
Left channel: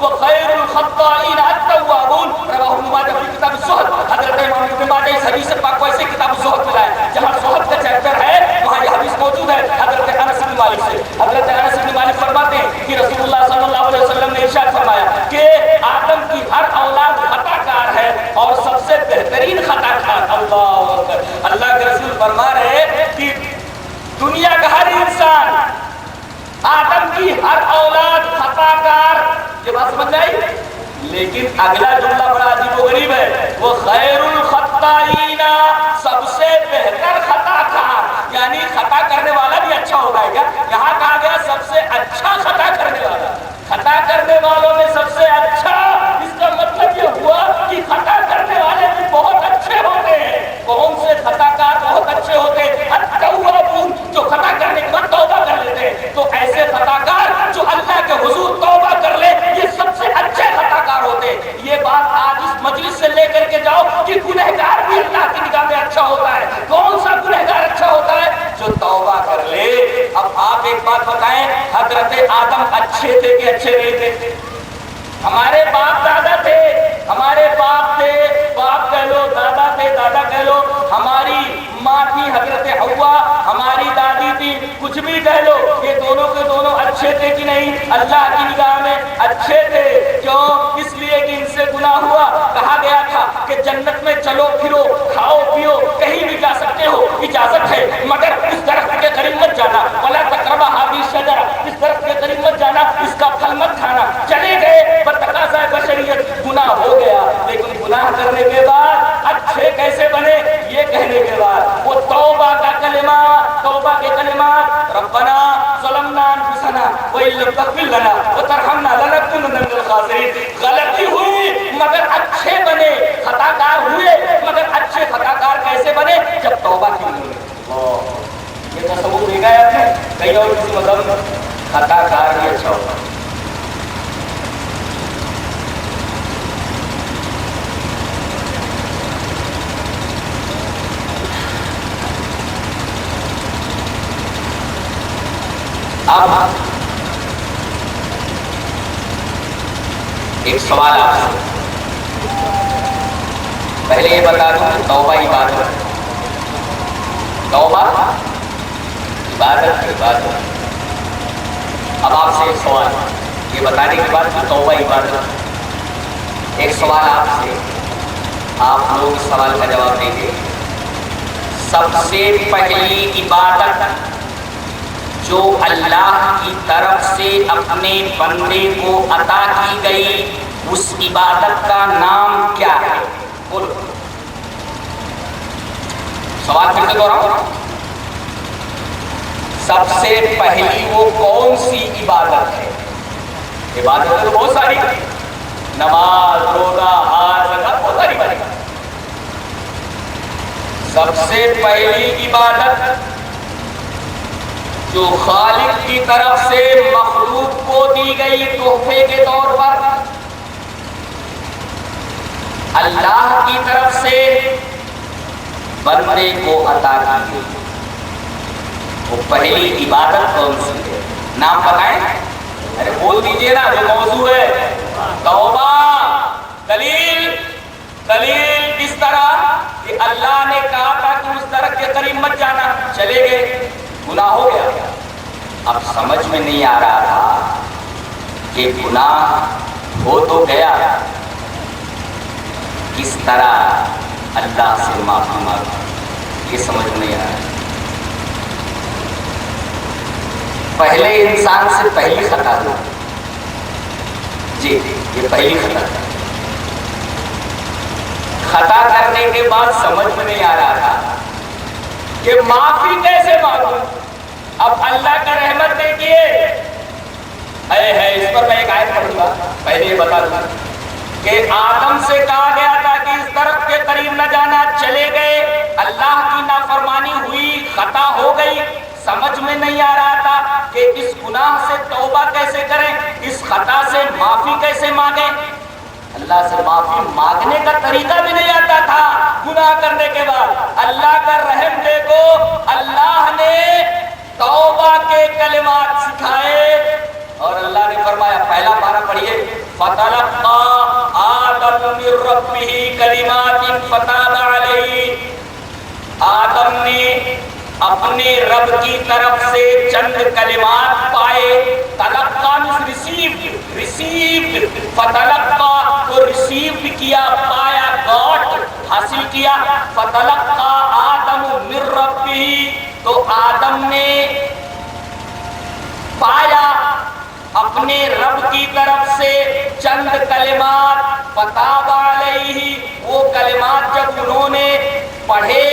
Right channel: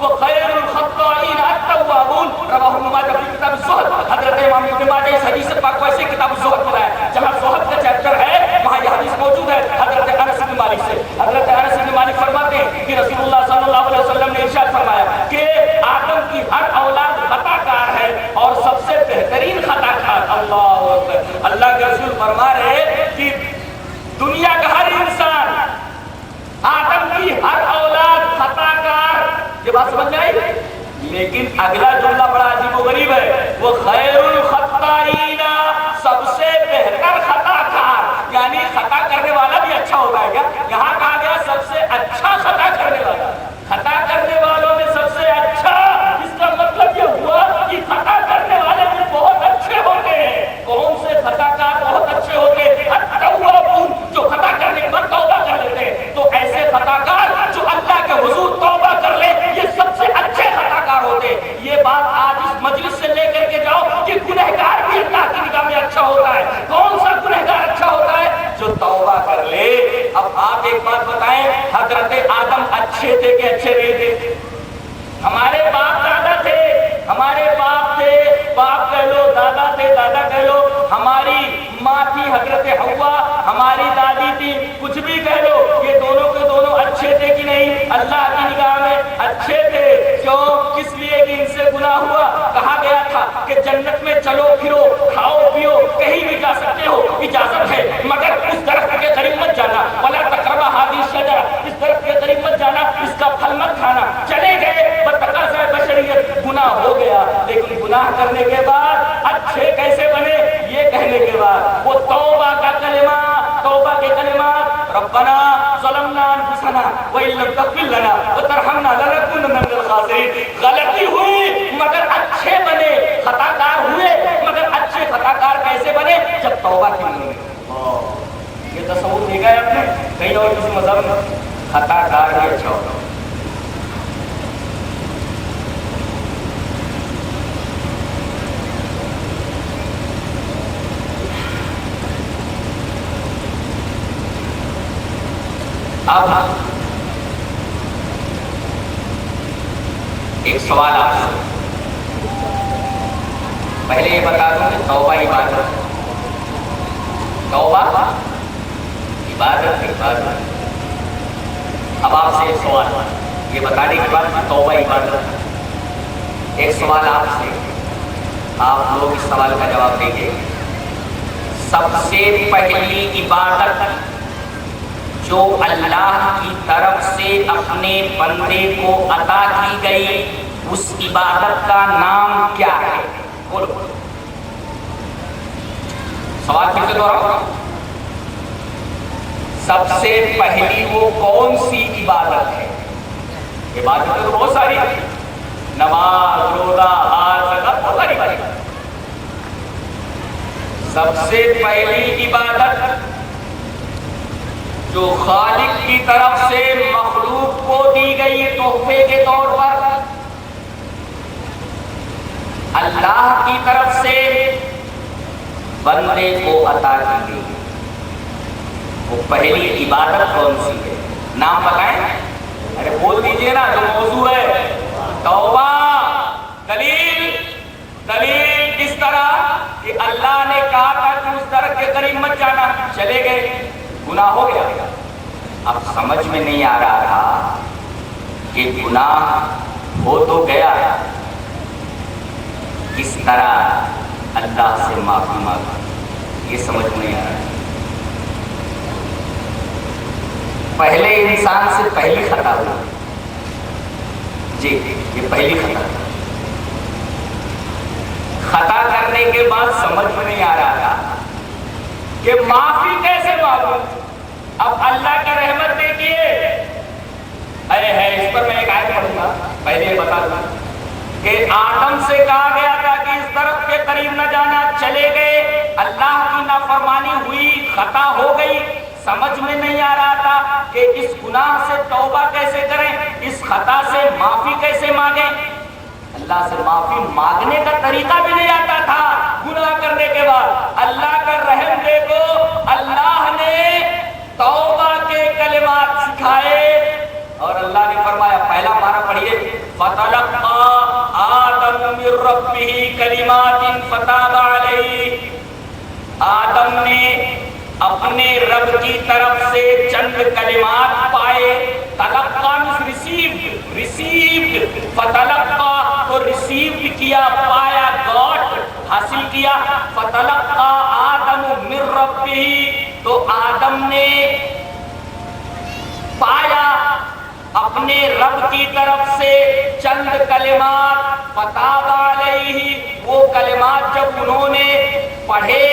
وخیر الخطائین التوابون. رواہ ابن ماجہ فی کتاب الزہد. حضرت امام ابن ماجہ اس حدیث پاک کو ایسے کتاب الزہد میں لائے جہاں زہد کا چیپٹر ہے، وہاں یہ حدیث موجود ہے حضرت انس بن مالک سے. حضرت انس بن مالک فرماتے ہیں کہ رسول اللہ صلی اللہ علیہ وسلم نے ارشاد فرمایا کہ آدم کی ہر اولاد خطا کار ہے اور سب سے بہترین خطا کار اللہ اکبر. اللہ کے رسول فرما رہے ہیں کہ دنیا کا ہر انسان، آدم کی ہر اولاد خطا کار. یہ بات سمجھ میں آئی؟ لیکن اگلا جملہ بڑا عجیب و غریب ہے، وہ خیر الخطائین، سب سے بہتر خطا کار. یعنی خطا کرنے والا بھی اچھا ہوگا کیا؟ یہاں کہا گیا سب سے اچھا خطا کرنے والا. خطا کرنے والوں میں سب سے اچھا، اس کا مطلب یہ ہوا کہ خطا کرنے والے بھی بہت اچھے ہوتے ہیں. کون سے خطا کار بہت اچھے ہوتے ہیں؟ التوابون، جو خطا کرنے کے بعد توبہ کر لیتے ہیں. تو ایسے خطا کار جو اللہ کے حضور توبہ کر لے، یہ سب سے اچھے خطا کار ہوتے ہیں. یہ بات آج اس مجلس سے لے کر کے جاؤ کہ گنہگار بھی اللہ کی نگاہ میں اچھا ہوتا ہے. کون سا گنہگار اچھا ہوتا ہے؟ جو توبہ کر لے. اب آپ ایک بات بتائیں، حضرت آدم اچھے تھے کہ اچھے نہیں تھے؟ ہمارے باپ دادا تھے، ہمارے باپ تھے، باپ کہہ لو، دادا تھے، دادا کہہ لو، ہماری ماں تھی حضرت حوا، ہماری دادی تھی، کچھ بھی کہہ لو، یہ دونوں کے دونوں اچھے تھے کہ نہیں؟ اللہ کی نگاہ میں اچھے تھے. کیوں؟ اس لیے کہ ان سے گناہ ہوا. کہا گیا تھا کہ جنت میں چلو پھرو، کھاؤ پیو، کہیں بھی جا سکتے ہو، اجازت ہے، مگر اس درخت کے قریب مت جانا. ولا تقربا هذه الشجرة، اس درخت کے قریب مت جانا، اس کا پھل مت کھانا. چلے گئے، بتقاضۂ بشریت گناہ ہو گیا. لیکن گناہ کرنے کے بعد اچھے کیسے بنے؟ یہ کہنے کے بعد وہ توبہ کا کلمہ، توبہ کے کلمات، ربنا ظلمنا انفسنا وان لم تغفر لنا وترحمنا لنکونن من الخاسرین. غلطی ہوئی مگر اچھے بنے. خطا کار ہوئے مگر اچھے خطا کار کیسے بنے؟ جب توبہ کی. یہ تصور دیکھا ہے آپ نے کہیں اور کسی مذہب میں؟ خطا کار بھی اچھا ہوتا. اب ایک سوال آپ سے، پہلے یہ بتا دوں کہ توبہ عبادت، توبہ عبادت عبادت۔ اب آپ سے ایک سوال، یہ بتانے کے بعد کہ توبہ عبادت، ایک سوال آپ سے، آپ لوگ اس سوال کا جواب دیں گے۔ سب سے پہلی عبادت جو اللہ کی طرف سے اپنے بندے کو عطا کی گئی، اس عبادت کا نام کیا ہے؟ بولو، سوال پھر سے دوہراؤ، سب سے پہلی وہ کون سی عبادت ہے؟ عبادت تو بہت ساری، نماز، روزہ، حج، زکات، بہت ساری باتیں۔ سب سے پہلی عبادت جو خالق کی طرف سے مخلوق کو دی گئی تحفے کے طور پر، اللہ کی طرف سے بندے کو عطا کی گئی، وہ پہلی عبادت کون سی ہے؟ نام بتائیں، ارے بول دیجئے نا، جو موضوع ہے توبہ۔ دلیل اس طرح کہ اللہ نے کہا تھا کہ اس درخت کے قریب مت جانا، چلے گئے، گناہ ہو گیا۔ اب سمجھ میں نہیں آ رہا تھا کہ گناہ ہو تو گیا، کس طرح اللہ سے معافی مانگے، یہ سمجھ نہیں آ رہا۔ پہلے انسان سے پہلی خطا ہو، جی یہ پہلی خطا، خطا کرنے کے بعد سمجھ میں نہیں آ رہا تھا کہ معافی کیسے مانگوں۔ اب اللہ کا رحمت دیکھیے ہے، اس پر میں ایک آیت پڑھوں گا، پہلے یہ بتا دوں کہ آدم سے کہا گیا تھا کہ اس درخت کے قریب نہ جانا، چلے گئے، اللہ کی نافرمانی ہوئی، خطا ہو گئی، سمجھ میں نہیں آ رہا تھا کہ اس گناہ سے توبہ کیسے کریں، اس خطا سے معافی کیسے مانگیں۔ اللہ سے معافی مانگنے کا طریقہ بھی نہیں آتا تھا گناہ کرنے کے بعد۔ اللہ کا رحم دیکھو، اللہ نے توبہ کے کلمات سکھائے اور اللہ نے فرمایا، پہلا پارہ پڑھیے، فَتَلَقَّىٰ آدَمُ مِن رَّبِّهِ كَلِمَاتٍ فَتَابَ عَلَيْهِ، آدم نے اپنے رب کی طرف سے چند کلمات پائے۔ تلقا ریسیوڈ، فتلقا کو ریسیوڈ کیا، پایا، گاٹ، حاصل کیا۔ فتلقا آدم من ربہ، تو آدم نے پایا اپنے رب کی طرف سے چند کلمات، فتاب علیہ، وہ کلمات جب انہوں نے پڑھے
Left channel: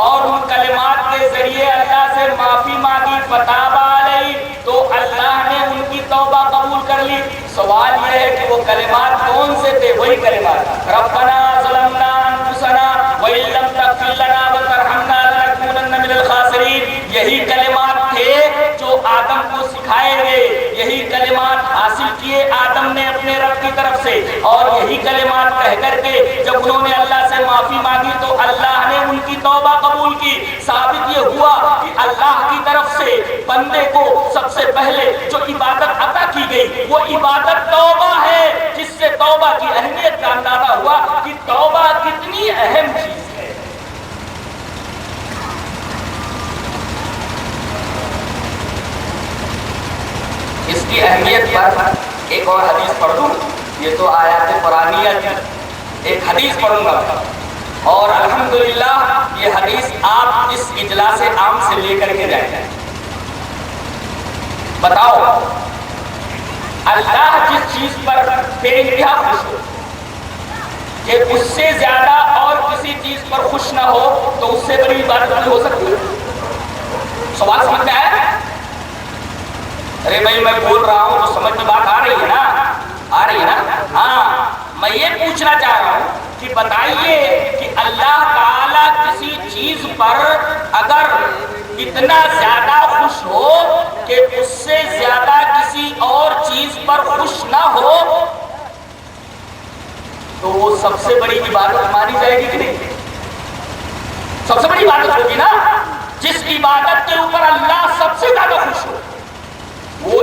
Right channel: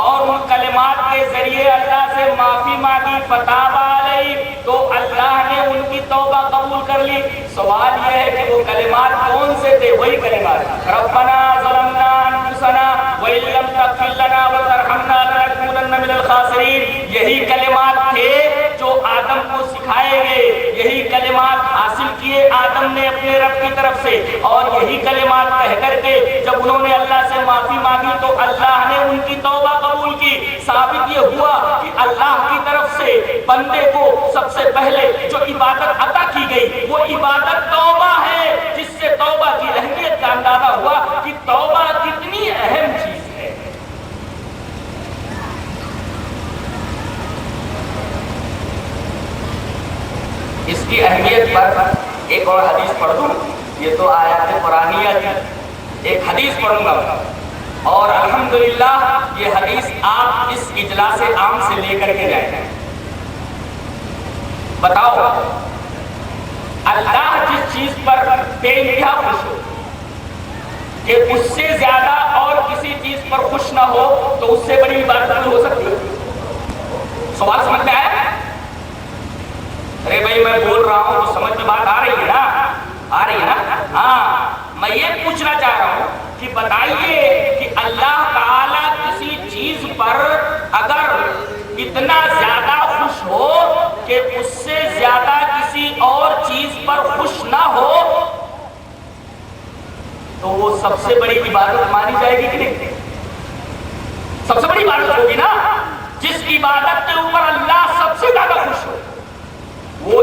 اور ان کلمات کے ذریعے اللہ سے معافی مانگی، فتاب علیہ، تو اللہ نے ان کی توبہ قبول کر لی۔ سوال یہ ہے کہ وہ کلمات کون سے تھے؟ وہی کلمات، ربنا ظلمنا انفسنا وان لم تغفر لنا وترحمنا لنکونن من الخاسرین، یہی کلمات تھے جو آدم کو سکھائے گئے، یہی کلمات حاصل کیے آدم نے اپنے رب کی طرف سے، اور یہی کلمات کہہ کر کے جب انہوں نے اللہ سے معافی مانگی تو اللہ نے ان کی توبہ قبول کی۔ ثابت یہ ہوا کہ اللہ کی طرف سے بندے کو سب سے پہلے جو عبادت عطا کی گئی وہ عبادت توبہ ہے، جس سے توبہ کی اہمیت کا اندازہ ہوا کہ توبہ کتنی اہم چیز ہے۔ اس کی اہمیت پر ایک اور حدیث پڑھ دوں، یہ تو آیات قرآنیہ کی، ایک حدیث پڑھوں گا اور الحمدللہ یہ حدیث آپ اس اجلاس عام سے لے کر کے جائیں۔ بتاؤ، اللہ جس چیز پر بے انتہا خوش ہو کہ اس سے زیادہ اور کسی چیز پر خوش نہ ہو، تو اس سے بڑی عبادت نہیں ہو سکتی۔ سوال سمجھ میں آیا؟ ارے بھائی میں بول رہا ہوں تو سمجھ میں بات آ رہی ہے نا؟ آ رہی ہے نا؟ ہاں، میں یہ پوچھنا چاہ رہا ہوں کہ بتائیے کہ اللہ تعالیٰ کسی چیز پر اگر اتنا زیادہ خوش ہو کہ اس سے زیادہ کسی اور چیز پر خوش نہ ہو، تو وہ سب سے بڑی عبادت مانی جائے گی کہ نہیں؟ سب سے بڑی عبادت ہوگی نا، جس عبادت کے اوپر اللہ سب سے زیادہ خوش ہو، وہ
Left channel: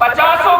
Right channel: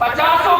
50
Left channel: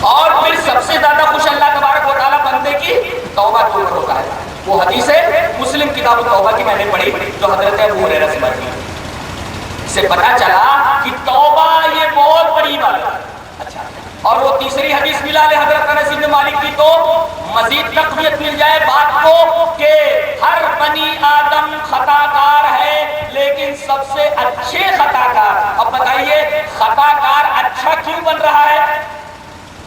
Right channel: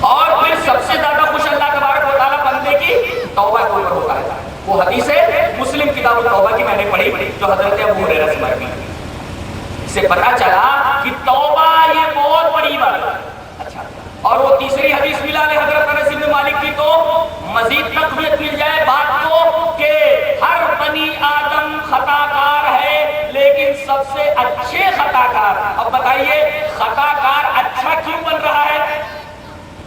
اور پھر سب سے زیادہ خوش اللہ تبارک و تعالیٰ بندے کی توبہ کے اوپر ہوتا ہے. وہ حدیث ہے مسلم کتاب التوبہ کی میں نے پڑھی جو حضرت ابو ہریرہ سے مروی. اس سے پتہ چلا کہ توبہ یہ بہت بڑی بات ہے. اچھا، اور وہ تیسری حدیث ملا لے حضرت انس بن مالک کی تو مزید تقویت مل جائے بات کو کہ ہر بنی آدم خطا کار ہے لیکن سب سے اچھے خطا کار. اب بتائیے خطا کار اچھا کیوں بن رہا ہے؟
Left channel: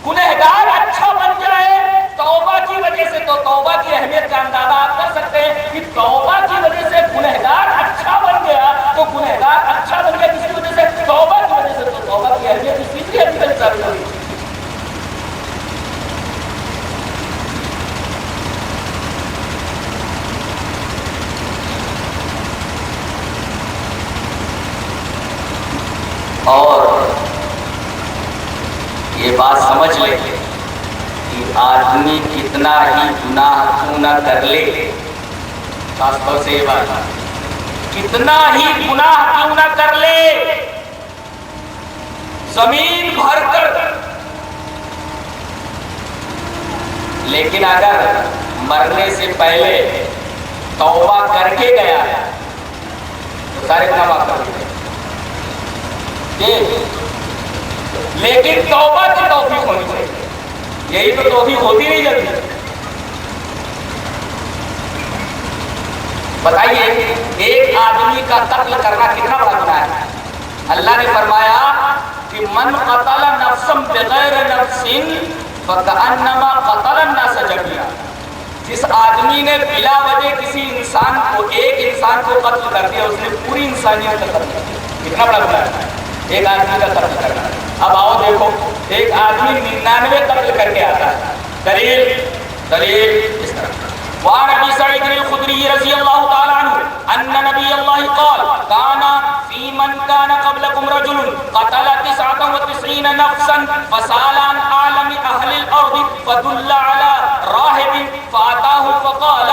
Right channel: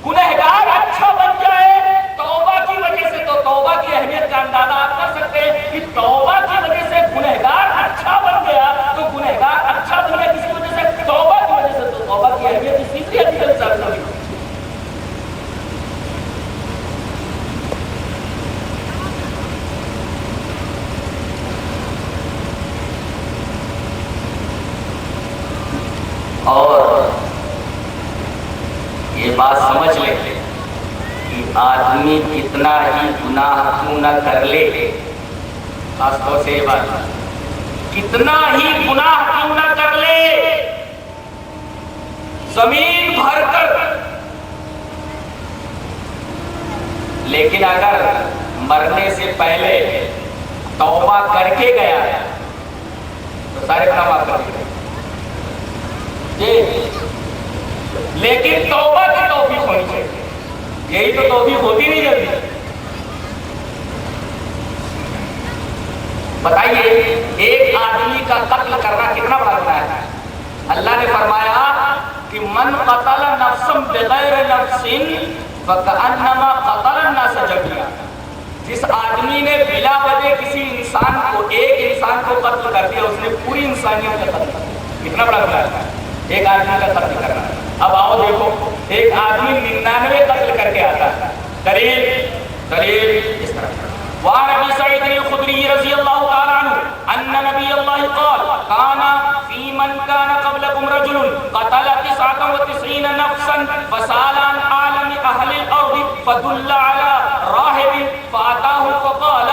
گنہگار اچھا بن جائے توبہ کی وجہ سے. تو توبہ کی اہمیت کا اندازہ آپ کر سکتے ہیں کہ توبہ کی وجہ سے گنہگار اچھا بن گیا. تو گنہگار اچھا بن گیا کسی وجہ سے؟ توبہ کی وجہ سے. تو توبہ کی اہمیت اس تیسری حدیث سے ہوئی. اور یہ بات سمجھ لے کہ آدمی کتنا ہی گناہ کیوں نہ کر لے، خاص طور سے یہ بات، کتنا ہی گناہ کیوں نہ کر لے، زمین بھر کر، لیکن اگر مرنے سے پہلے توبہ کر کے گیا تو سارے گناہ معاف کر دیے. لیکن توبہ کی توفیق ہونی چاہیے. یہی تو توفیق ہوتی نہیں جلدی. بتائیے ایک آدمی کا قتل کرنا کتنا بڑا گناہ ہے؟ اللہ نے فرمایا کہ من قتل نفسا بغیر نفس فکأنما قتل الناس جميعا. جس آدمی نے بلا وجہ کسی انسان کو، ایک انسان کو قتل کر دیا، اس نے پوری انسانیت کا قتل کر دیا. کتنا بڑا گناہ ہے ایک آدمی کا قتل کرنا. اب آؤ دیکھو ایک آدمی 99 قتل کر کے آتا ہے. دلیل اس طرح. وعن ابي سعيد الخدري رضي الله تعالى عنه ان نبي الله قال كان في من كان قبلكم رجل قتل 99 نفسا فسأل عن عالم اهل الارض فدل على راهب فاتاه فقال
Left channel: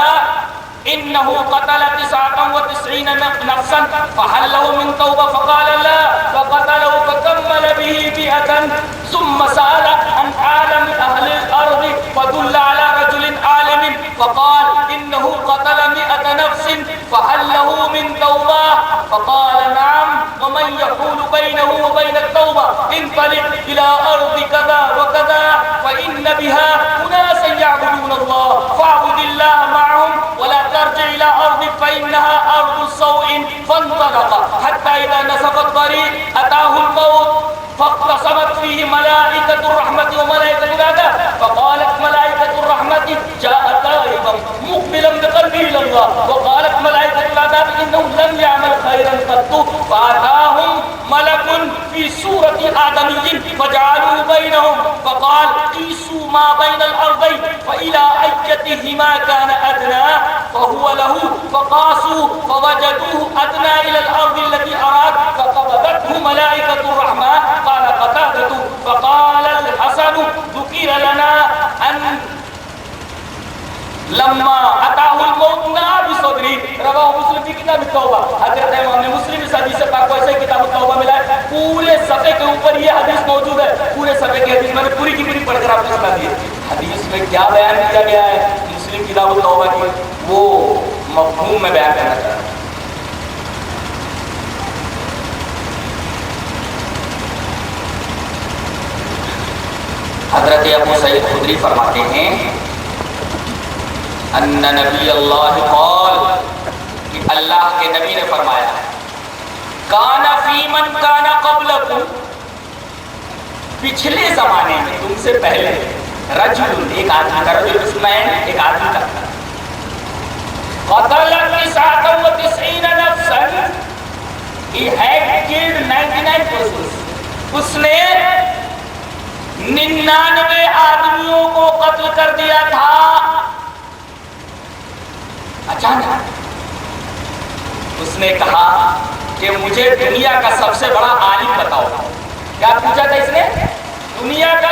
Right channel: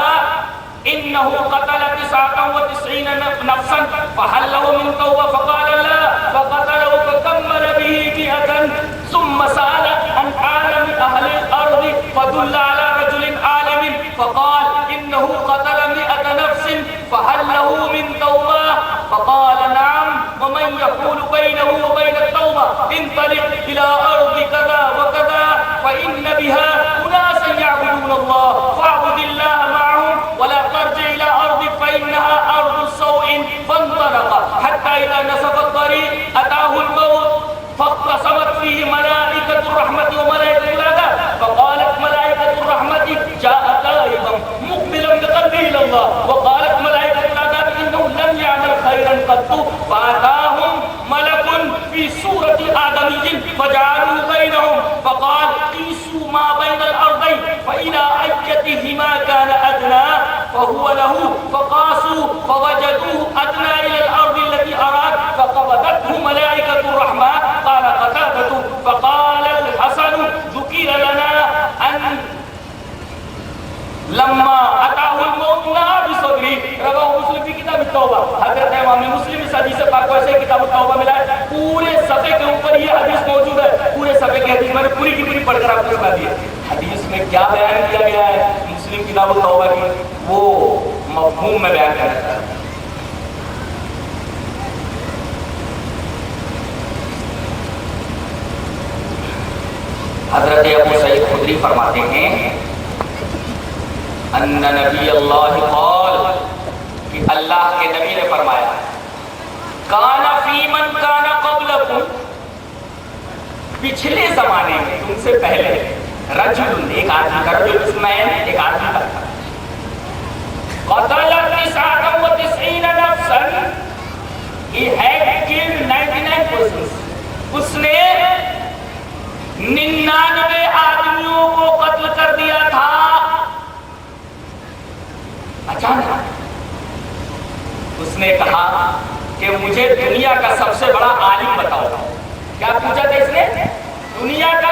انه قتل 99 نفسا فهل له من توبه؟ فقال لا، فقتله فكمل به 100 ثم سأل عن عالم اهل الارض فدل على رجل عالم فقال انه قتل 100 نفس فهل له من توبه؟ فقال نعم. ومن يحول بينه وبين التوبه؟ انطلق الى ارض كذا وكذا فان بها اناسا يعبدون الله فاعبد الله معهم ولا ترجع الى ارضك فانها ارض سوء. فانطلق حتى اذا نصف الطريق اتاه الموت فاقتسمت فيه ملائكه الرحمه وملائكه العذاب. فقالت ملائكه الرحمه جاء تائبا مقبلا بقلبه الى الله، وقالت ملائكه العذاب انه لم يعمل خيرا قط. فاتاهم ملك في سوره آدمي فجعلوا بينهم فقال قيسوا ما بين الارضين فالى ايتهما كان ادنى فهو له. فقاسوا فوجدوه ادنى الى الارض التي اراد فقبضته ملائكه الرحمه. قال قتادة فقال الحسن ذكر لنا ان لما اتاه الموت نهى بصدره. رواه مسلم في کتاب التوبہ. حضرت امام نے مسلم اس حدیث پاک کو ایسے کتاب التوبہ ملا ہے. پورے صفحے کے اوپر یہ حدیث موجود ہے. پورے صفحے کی حدیث میں نے پوری کی پوری پڑھ کر آپ کو سنا دی. حدیث میں کیا بیان کیا گیا ہے مسلم کتاب التوبہ کی وہ مفہوم میں بیان کرنا چاہتا ہوں. حضرت ابو سعید خدری فرماتے ہیں ان نبی اللہ قال کہ اللہ کے نبی نے فرمایا کان فی من کان قبلکم، پچھلے زمانے میں تم سے پہلے، رجل ایک آدمی کا، رجل اسمین ایک آدمی کا، قتل 99 نفسا، he had killed 99 persons. اس نے 99 آدمیوں کو قتل کر دیا تھا. اچانک اس نے کہا کہ مجھے دنیا کا سب سے بڑا عالم بتاؤ. کیا پوچھا تھا اس نے؟ دنیا کا